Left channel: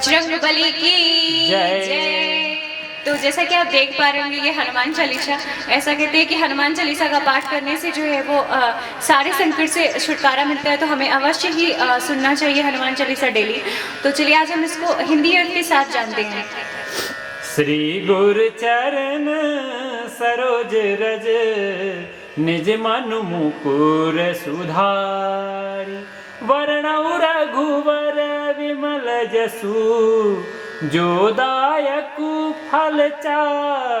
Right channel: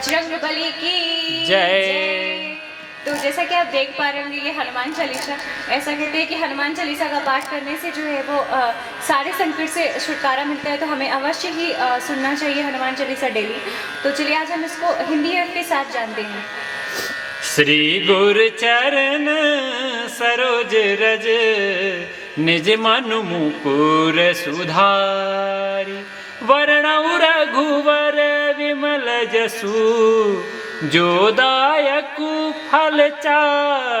बजरंगबली की जय। तो जैसा कि आप देख पा रहे होंगे ये हनुमान चालीसा, ऐसा कहते हैं कि हनुमान चालीसा का पाठ करने से जो है वो सारे संकट से छुटकारा मिलता है, तो हमें अवश्य ही सुनना चाहिए हनुमान चालीसा डेली। तो चलिए आज हम इसको हिंदी अर्थ के साथ जानते हैं। श्री गुरु चरण सरोज रज निज मनु मुकुर सुधारि, वर्णौ रघुवर विमल जसु, जो दायक फल चारि।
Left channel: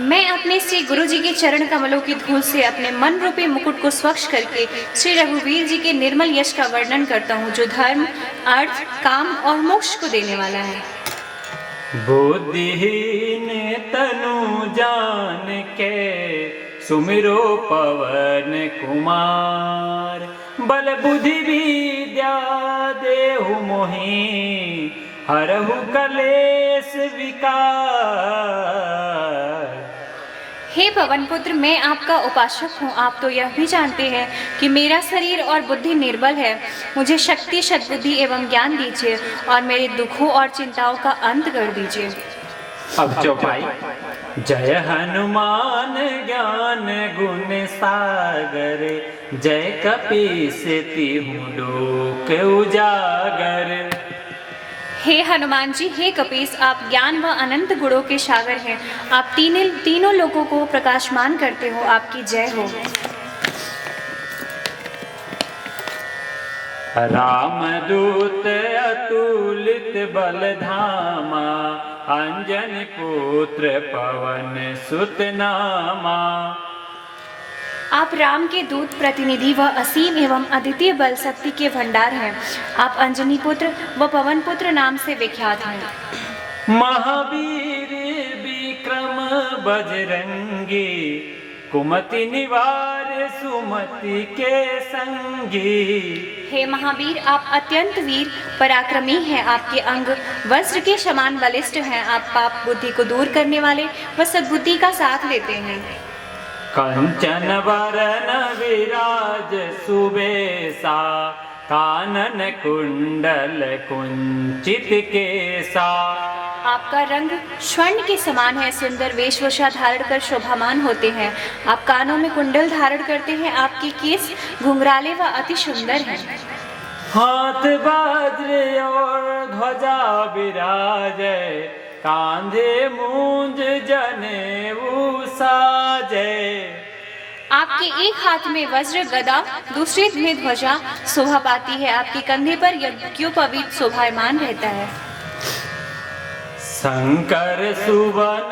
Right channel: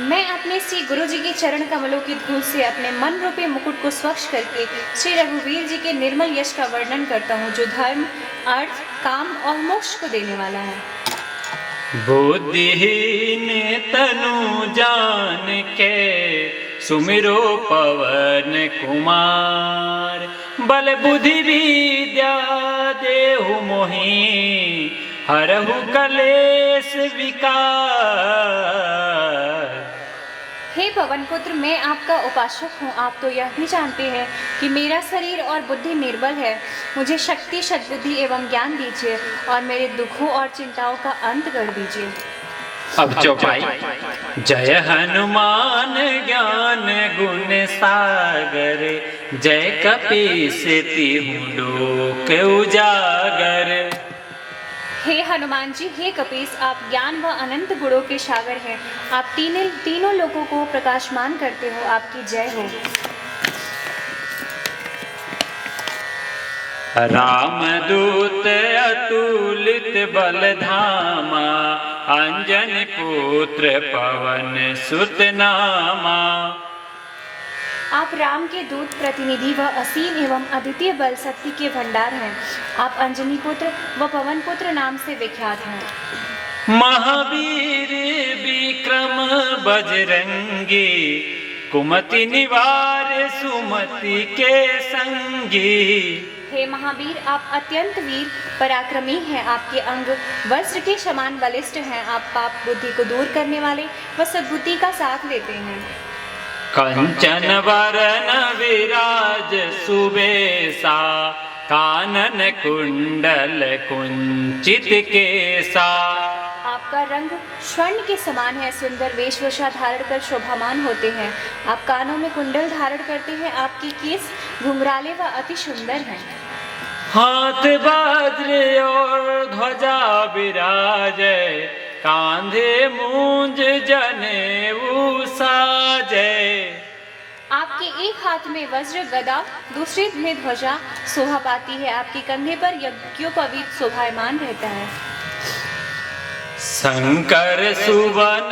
मैं अपने श्री गुरु जी के चरण कमलों की धूल से अपने मन रूपी मुकुट को स्वच्छ करके श्री रघुवीर जी के निर्मल यश का वर्णन करता हूँ, जो धर्म, अर्थ, काम और मोक्ष को देने वाला है। बुद्धिहीन तनु जान के सुमिरो पवन कुमार, बल बुद्धि विद्या देहु मोहि, हरहु कलेश विकार। हे पवन पुत्र, मैं आपका उपासक हूँ। आप तो यह भी जानते हैं कि मेरा शरीर और बुद्धि निर्बल है। मुझे शक्ति, सद्बुद्धि एवं ज्ञान दीजिए और मेरे दुखों और चिंताओं का अंत कर दीजिए। अब चौपाई। जय हनुमान ज्ञान गुण सागर, जय कपीस तिहुँ लोक उजागर। हे हनुमान जी, हे कपीस, आप ज्ञान व अनंत गुणों के सागर हैं। आप तीनों लोगों को प्रकाशमान करते हो। आपकी जय हो। रामदूत अतुलित बल धामा, अंजन पुत्र पवन सुत नामा। आप राम के दूत, प्रतिनिधि व असीम एवं अद्वितीय बल शक्ति के भंडार हैं। आप अंजनी पुत्र व पवन पुत्र नाम से विख्यात हैं। महावीर विक्रम बजरंगी, कुमति निवार सुमति के संगी। हे महावीर, आप अत्यंत वीर पराक्रमी हैं। आपके अंग वज्र के समान बलिष्ठ हैं। आप पाप बुद्धि को दूर करने वाले व सद्बुद्धि का साथ लेते हैं। कंचन वरन विराज सुबेसा, कानन कुंडल कुंचित केसा। आपका रंग स्वर्ण के समान है। सुंदर वेशभूषा धारण कर शोभामान होते हैं। आप कानों में कुंडल धारण करते हैं। आपके केस घुंघराले व अति सुंदर हैं। हाथ वज्र और ध्वजा विराजे, कांधे मूंज जनेऊ साजे। आपके एक हाथ में वज्र गदा, दूसरे में ध्वजा शोभा पाती है। आपके कंधे पर यज्ञोपवीत शोभायमान रहता है। शंकर सुवन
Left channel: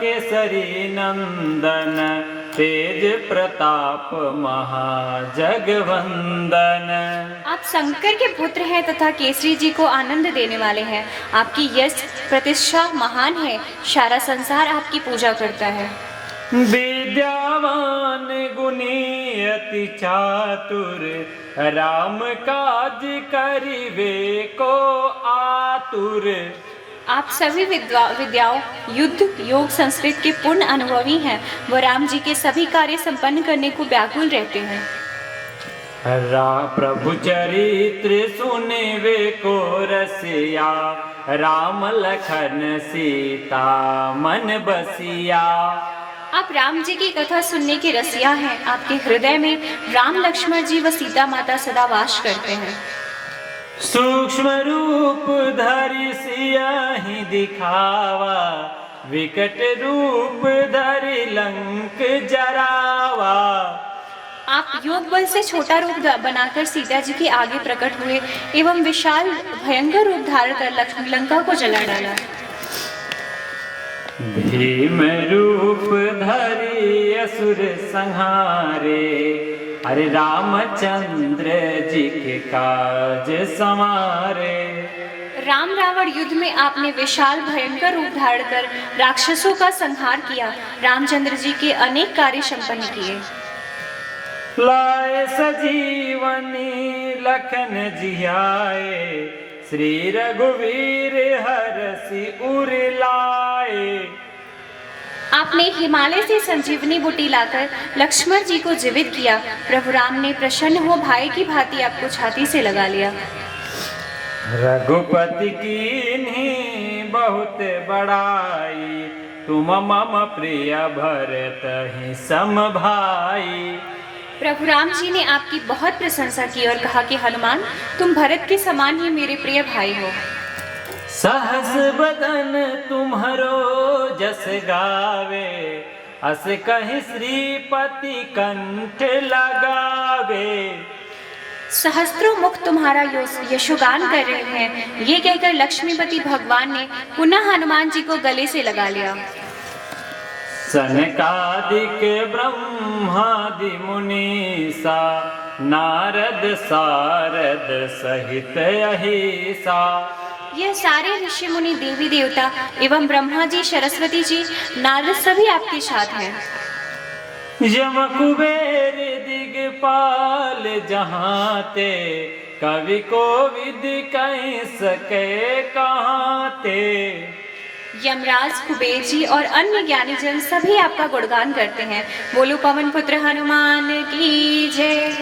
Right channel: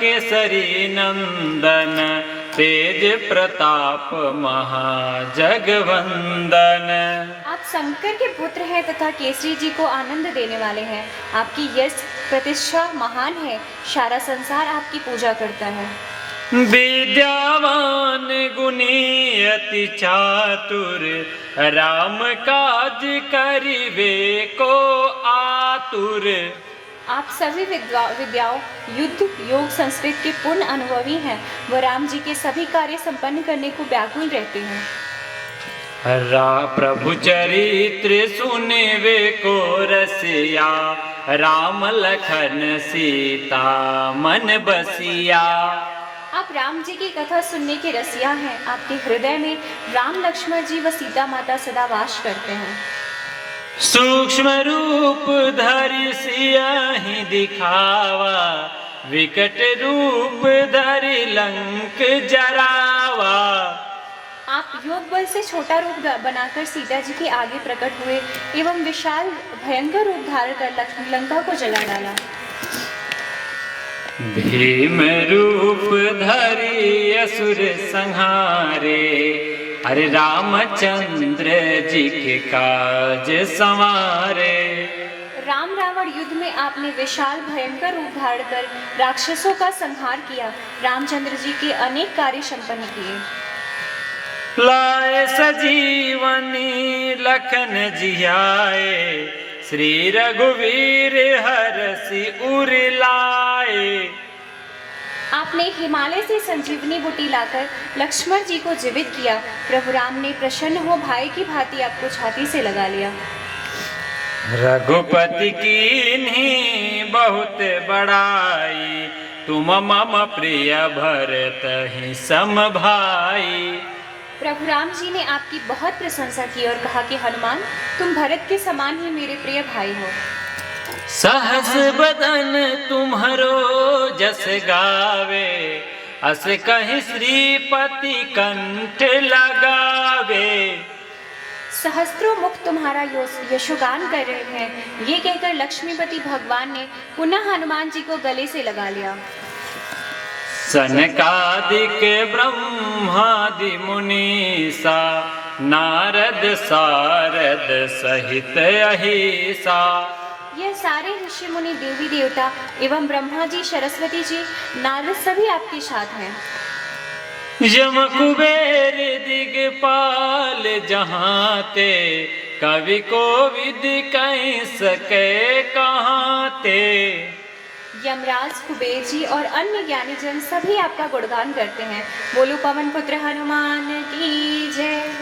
केसरी नंदन, तेज प्रताप महाजगवंदन। आप शंकर के पुत्र हैं तथा केसरी जी को आनंद देने वाले हैं। आपकी यश प्रतिष्ठा महान है। सारा संसार आपकी पूजा करता है। विद्यावान गुणी अति चातुर, राम काज करिबे को आतुर। आप सभी विद्याओं, युद्ध, योग, संस्कृत के पूर्ण अनुभवी हैं। वो राम जी के सभी कार्य संपन्न करने को व्याकुल रहते हैं। प्रभु चरित्र सुने वे को रसिया, राम लखन सीता मन बसिया। आप राम जी की कथा सुनने के रसिया हैं। आपके हृदय में राम, लक्ष्मण जी व सीता माता सदा वास करते हैं। सूक्ष्म रूप धरि सियाहि दिखावा, विकट रूप धरि लंक जरावा। आप योग बल से छोटा रूप बनाकर सीता जी के आगे प्रकट हुए एवं विशाल भयंकर रूप धारण कर लंका को जला डाला। भीम रूप धरि असुर संहारे, अरे रामचंद्र जी के काज समारे। राम रावण युद्ध में आपने विशाल भयंकर रूप धारण कर राक्षसों का संहार किया। रामचंद्र जी के अनेक कार्य संपन्न किए। लाए सजीवनी लखन जियाए, श्री रघुवीर हरषि उर लाए। आपने हिमालय से संजीवनी बूटी लाकर लक्ष्मण जी को जीवित किया। प्रभु राम ने प्रसन्न हो भाई की भांति आपको छाती से लगा लिया। रघुपति कीन्ही बहुत बड़ाई, तुम मम प्रिय भरत ही सम भाई। प्रभु राम जी ने आपकी बहुत प्रशंसा की और कहा कि हनुमान, तुम भरत के समान ही मेरे प्रिय भाई हो। सहस बदन तुम्हरो जस गावे, अस कहीं श्रीपति कंठ लगावे। सहस्त्रों मुख तुम्हारा यशोगान कर रहे हैं, ये कहकर लक्ष्मीपति भगवान ने पुनः हनुमान जी को गले से लगा लिया। सनकादिक ब्रह्मादि मुनीसा, नारद सारद सहित अहिसा। यह सारे ऋषि मुनि देवी देवता एवं ब्रह्मा जी, सरस्वती जी, नारद सभी आपके साथ हैं। यम कुबेर दिगपाल जहाँ ते, कवि को विधि कहीं सके कहाँ ते। यमराज, कुबेर जी और अन्य ज्ञानी जन सभी आपका गुणगान करते हैं। बोलो पवन पुत्र हनुमान की जय।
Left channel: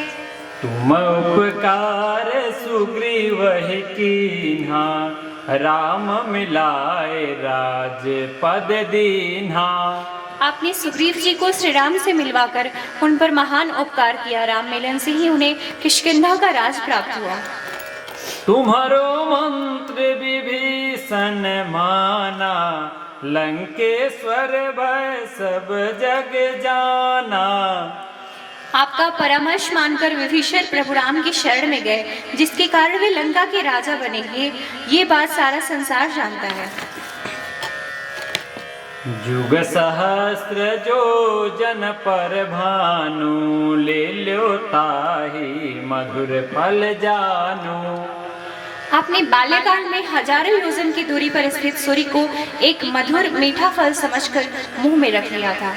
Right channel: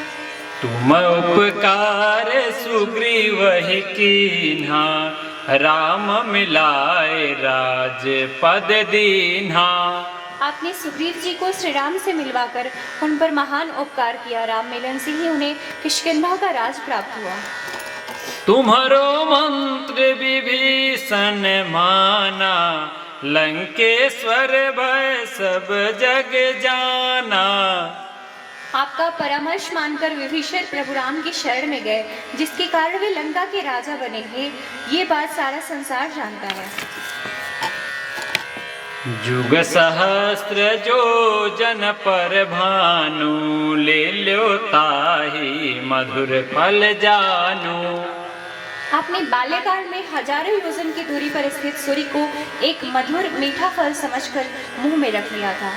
तुम उपकार सुग्रीव ही कीन्हा, राम मिलाए राज पद दीन्हा। आपने सुग्रीव जी को श्री राम से मिलवाकर उन पर महान उपकार किया। राम मिलन से ही उन्हें किष्किंधा का राज प्राप्त हुआ। तुम्हारो मंत्र विभीषण माना, लंकेश्वर भय सब जग जाना। आपका परामर्श मानकर विभीषण प्रभु राम की शरण में गए, जिसके कारण वे लंका के राजा बनेंगे। ये बात सारा संसार जानता है। जुग सहस्त्र जो जन पर भानु, ले लो ताहि मधुर फल जानु। आपने बाल्यकाल में हजारों योजन की दूरी पर स्थित सूर्य को एक मधुर मीठा फल समझकर मुंह में रख लिया था।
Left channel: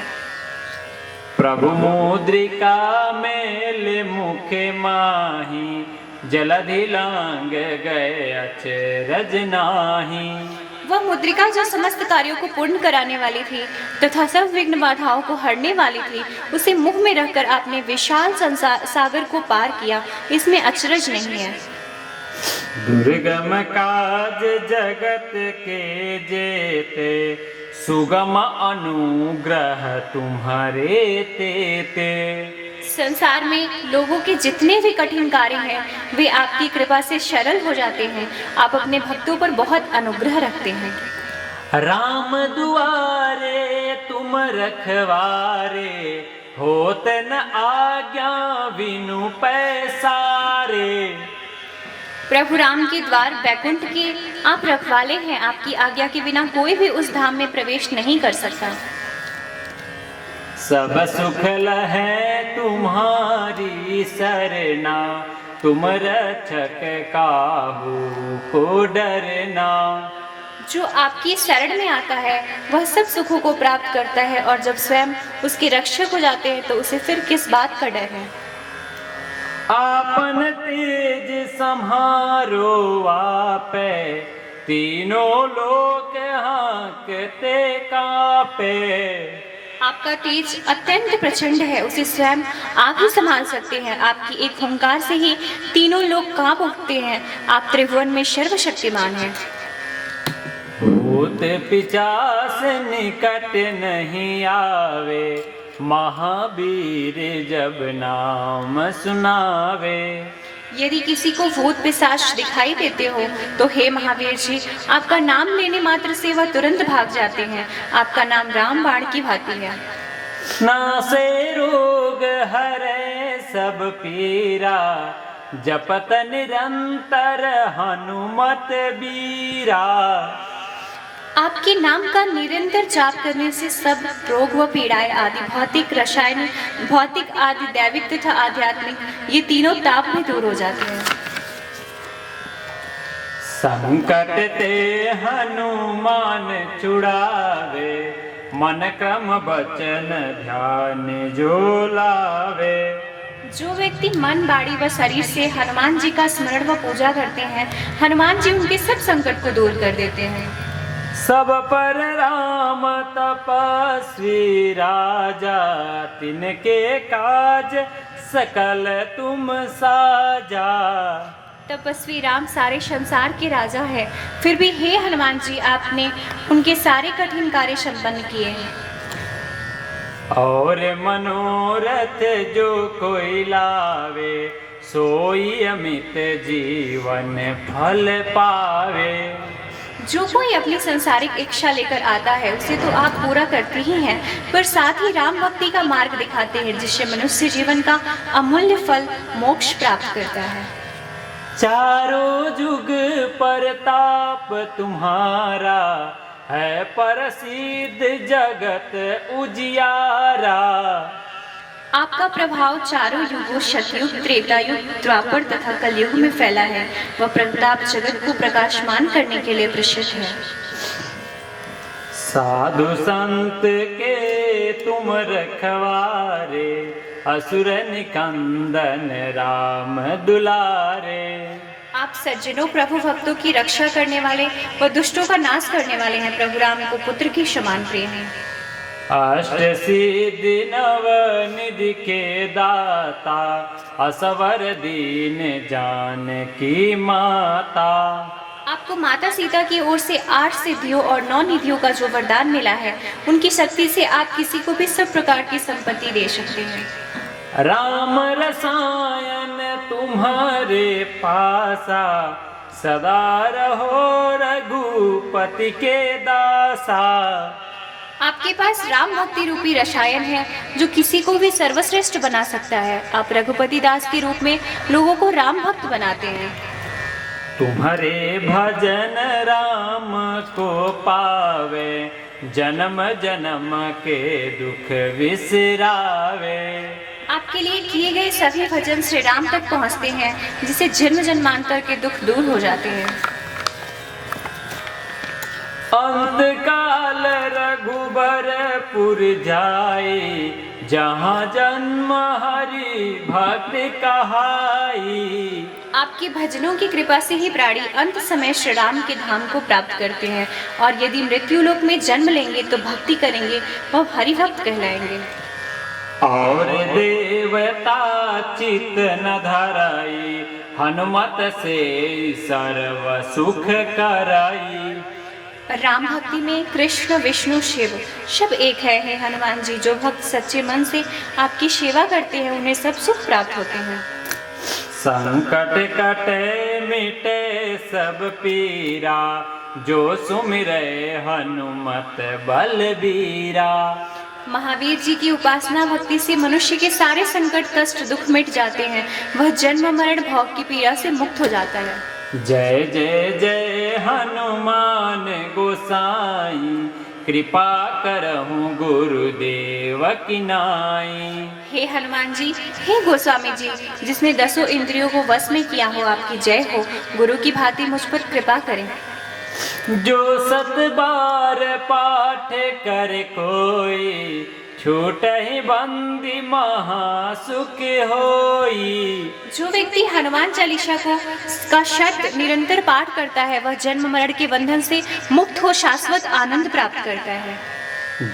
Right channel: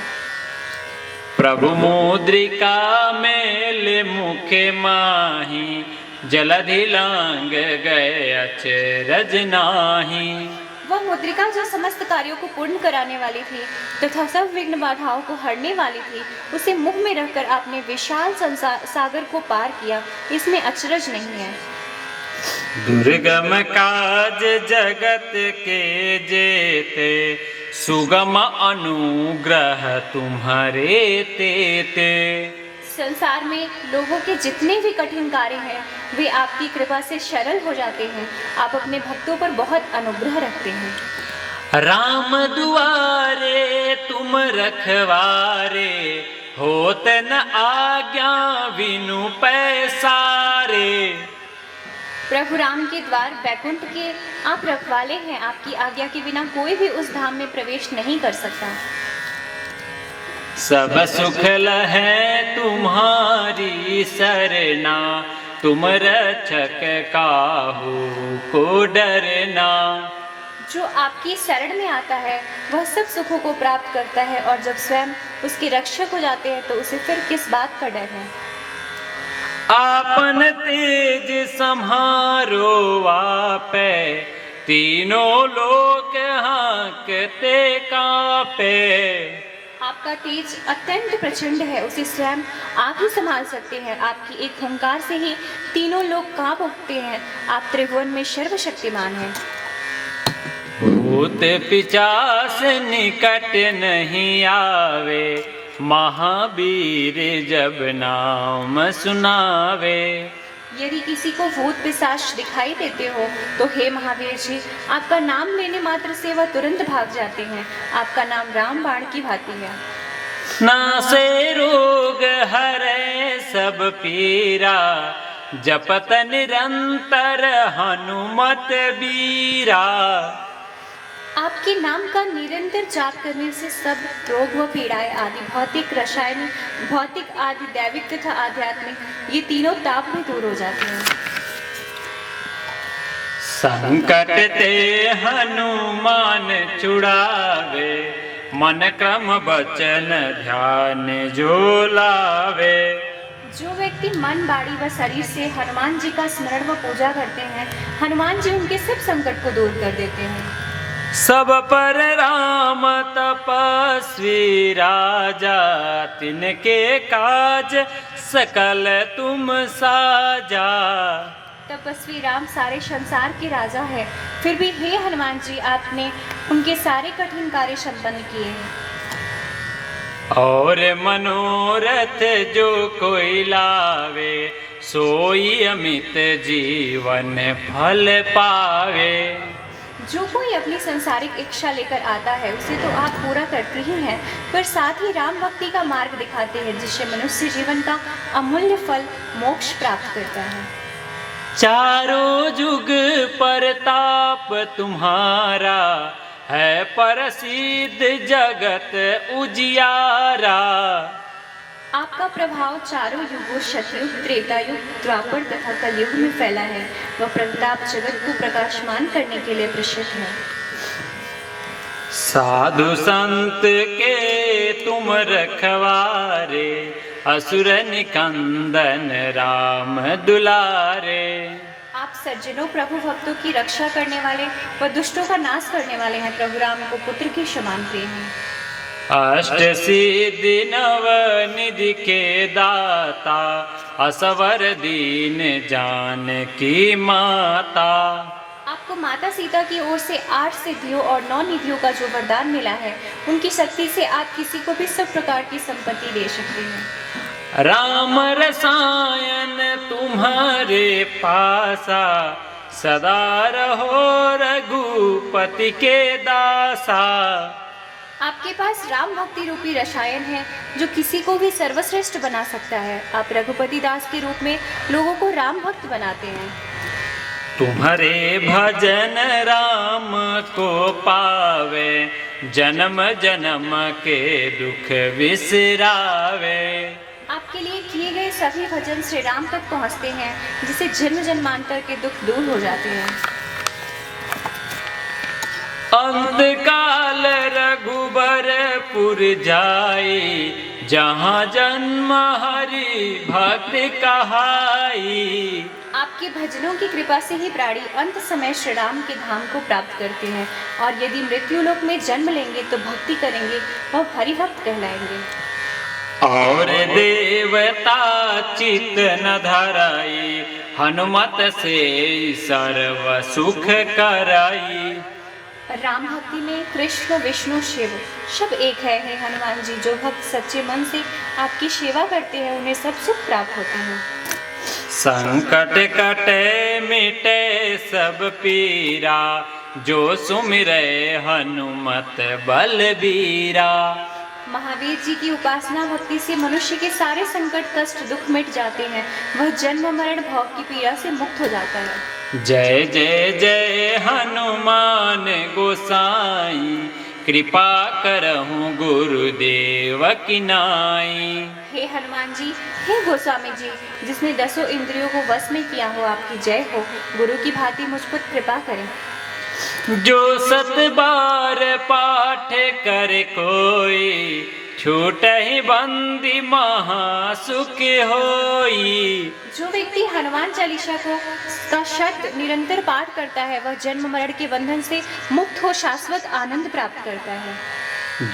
प्रभु मुद्रिका मेल मुखे माही, जलधि लांग गए अचरज नाही। वह मुद्रिका जो समस्त कार्यों को पूर्ण कराने वाली थी तथा सब विघ्न बाधाओं को हरने वाली थी, उसे मुंह में रखकर आपने विशाल सागर को पार किया, इसमें अचरज नहीं है। दुर्गम काज जगत के जेते, सुगम अनुग्रह तुम्हारे तेते। संसार में लोगों के जितने भी कठिन कार्य हैं, वे आपकी कृपा से सरल हो जाते हैं। आप अपने भक्तों पर बहुत अनुग्रह रखते हैं। राम दुआरे तुम रखवारे, होत न आज्ञा बिनु पैसारे। प्रभु राम के द्वार बैकुंठ के आप रखवाले हैं। आपकी आज्ञा के बिना कोई भी उस धाम में प्रवेश नहीं कर सकता। सब सुख लहै तुम्हारी सरना, तुम रक्षक काहू को डरना। जो आपकी शरण में आता है वह सब सुखों को प्राप्त करता है, और जब स्वयं उसके रक्षक हो जाते हैं तो उसे फिर किस बात का डर है। आपन तेज सम्हारो आपे, तीनों लोक हाँकते कापे। आपका तेज अत्यंत प्रचंड है, उसे स्वयं आप ही संभाल सकते हैं। आपकी एक हुंकार से ही तीनों लोग कांप उठते हैं। आप त्रिभुवन में सर्वशक्तिमान हैं। भूत पिचास निकट नहीं आवे, महावीर जब नाम सुनावे। यदि किसी को भूत पिशाच दिखाई देते हो तो हे महावीर जी, आपका नाम लेने मात्र से वह तुरंत भाग जाते हैं। आपका नाम राम बाण की भांति है। नासे रोग हरे सब पीरा, जपत निरंतर हनुमत बीरा। आपके नाम का निरंतर जाप करने से सब रोग व पीड़ाएं आदि भौतिक, रासायनिक, भौतिक आदि दैविक तथा आध्यात्मिक, ये तीनों ताप भी दूर हो जाते हैं। संकट ते हनुमान छुड़ावे, मन क्रम वचन ध्यान जो लावे। जो व्यक्ति मन, बाड़ी व शरीर से हनुमान जी का स्मरण व पूजा करते हैं, हनुमान जी उनके सब संकट को दूर कर देते हैं। सब पर राम तपस्वी राजा, तिनके काज सकल तुम साजा। तपस्वी राम सारे संसार के राजा है, फिर भी हे हनुमान जी आपने उनके सारे कठिन कार्य संपन्न किए हैं। और मनोरथ जो कोई लावे, सोई अमित जीवन फल पावे। जो कोई अपनी सांसारिक इच्छा लेकर आता है उसे तो आप पूरा करते ही हैं, पर साथ ही राम भक्ति का मार्ग दिखाते हैं जिससे मनुष्य जीवन का अमूल्य फल मोक्ष प्राप्त करता है। चारों जुग परताप तुम्हारा, है प्रसिद्ध जगत उजियारा। आपका प्रभाव चारों युगों सतयुग, त्रेता युग, द्वापर तथा कलयुग में फैला है। वह प्रताप जगत को प्रकाशमान करने के लिए प्रसिद्ध है। साधु संत के तुम रखवारे, असुर निकंदन राम दुलारे। आप सज्जनों प्रभु भक्तों की रक्षा करने वाले व दुष्टों का नाश करने वाले हैं। प्रभु राम को पुत्र के समान प्रिय हैं। अष्ट सिद्धि नव निधि के दाता, असवर दीन जानकी माता। आपको माता सीता की ओर से 8 सिद्धियों और 9 निधियों का जो वरदान मिला है, उनकी शक्ति से आप किसी को भी सब प्रकार की संपत्ति दे सकते हैं। राम रसायन तुम्हारे पासा, सदा रहो रघुपति के दासा। आपके पास राम भक्ति रूपी रसायन है जो किसी को भी सर्वश्रेष्ठ बना सकता है। आप रघुपति दास के रूप में लोगों को राम भक्त बनाते हैं। तुम्हारे भजन राम को पावे, जन्म जन्म के दुख विसरावे। आपके लिए किए गए सभी भजन श्री राम तक पहुंचते हैं, जिससे जन्म जन्मांतर के दुख दूर हो जाते हैं। अंत काल रघुबरपुर जाई, जहाँ जन्म हरि भक्ति कहाई। आपके भजनों की कृपा से ही प्राणी अंत समय श्री राम के धाम को प्राप्त करते हैं, और यदि मृत्यु लोक में जन्म लेंगे तो भक्ति करेंगे, वह हरि भक्त कहलाएंगे। और देवता चित न धराई, हनुमत से सर्व सुख कराई। राम भक्ति में कृष्ण विष्णु शिव सब एक है। हे हनुमान जी, जो भक्त सच्चे मन से आपकी सेवा करते हैं उन्हें सब सुख प्राप्त होते हैं। संकट कटे मिटे सब पीरा, जो सुमिरे हनुमत बलबीरा। महावीर जी की उपासना भक्ति से मनुष्य के सारे संकट कष्ट दुख मिट जाते हैं। वह जन्म मरण भोग की पीड़ा से मुक्त हो जाता है। जय जय जय हनुमान गोसाई, कृपा करहूँ गुरुदेव की नाई। हे हनुमान जी, हे गोस्वामी जी, जिसने 10 इंद्रियों को वश में किया हो, आपकी जय हो। गुरु की भांति मुझ पर कृपा करें। जो 7 बार पाठ करे कोई, छूट ही बंदी महासुख होई। जो व्यक्ति हनुमान चालीसा का शब्द निरंतर पाठ करता है, वह जन्म मरण के बंधन से मुक्त हो शाश्वत आनंद प्राप्त करता है।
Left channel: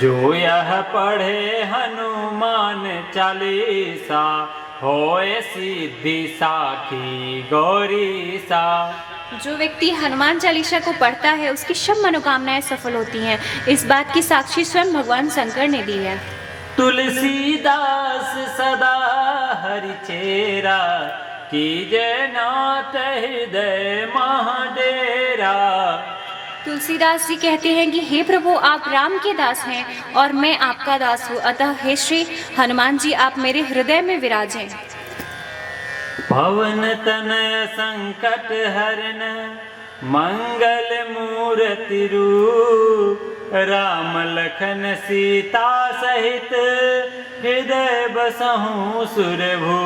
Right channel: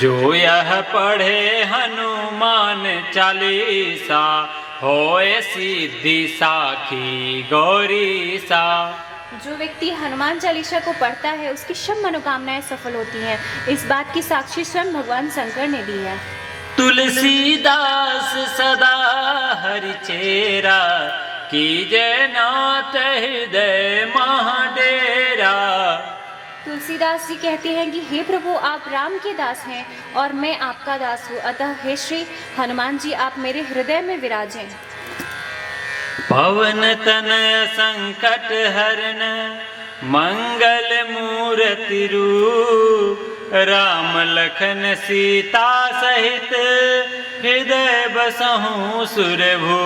जो यह पढ़े हनुमान चालीसा, होए सिद्धि साखी गौरी सा। जो व्यक्ति हनुमान चालीसा को पढ़ता है उसकी सब मनोकामनाएं सफल होती हैं। इस बात की साक्षी स्वयं भगवान शंकर ने दी है। तुलसीदास सदा हरिचेरा, कीजे नाथ हृदय महाडेरा। तुलसीदास जी कहते हैं कि हे प्रभु, आप राम के दास हैं और मैं आपका दास हूँ, अतः हे श्री हनुमान जी, आप मेरे हृदय में विराजें। पवन तनय संकट हरन, मंगल मूर्ति रूप। राम लखन सीता सहित, हृदय बसहु सुरभू।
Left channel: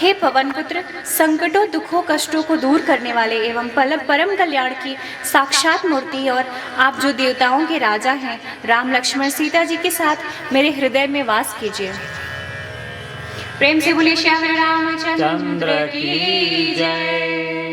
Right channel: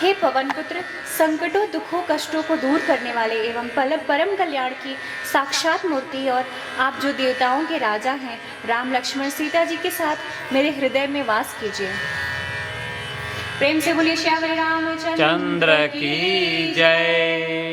हे पवन पुत्र, संकटों दुखों कष्टों को दूर करने वाले एवं परम कल्याण की साक्षात मूर्ति, और आप जो देवताओं के राजा हैं, राम लक्ष्मण सीता जी के साथ मेरे हृदय में वास कीजिए। प्रेम से बोलिए श्याम रामचंद्र चंद्र की जय।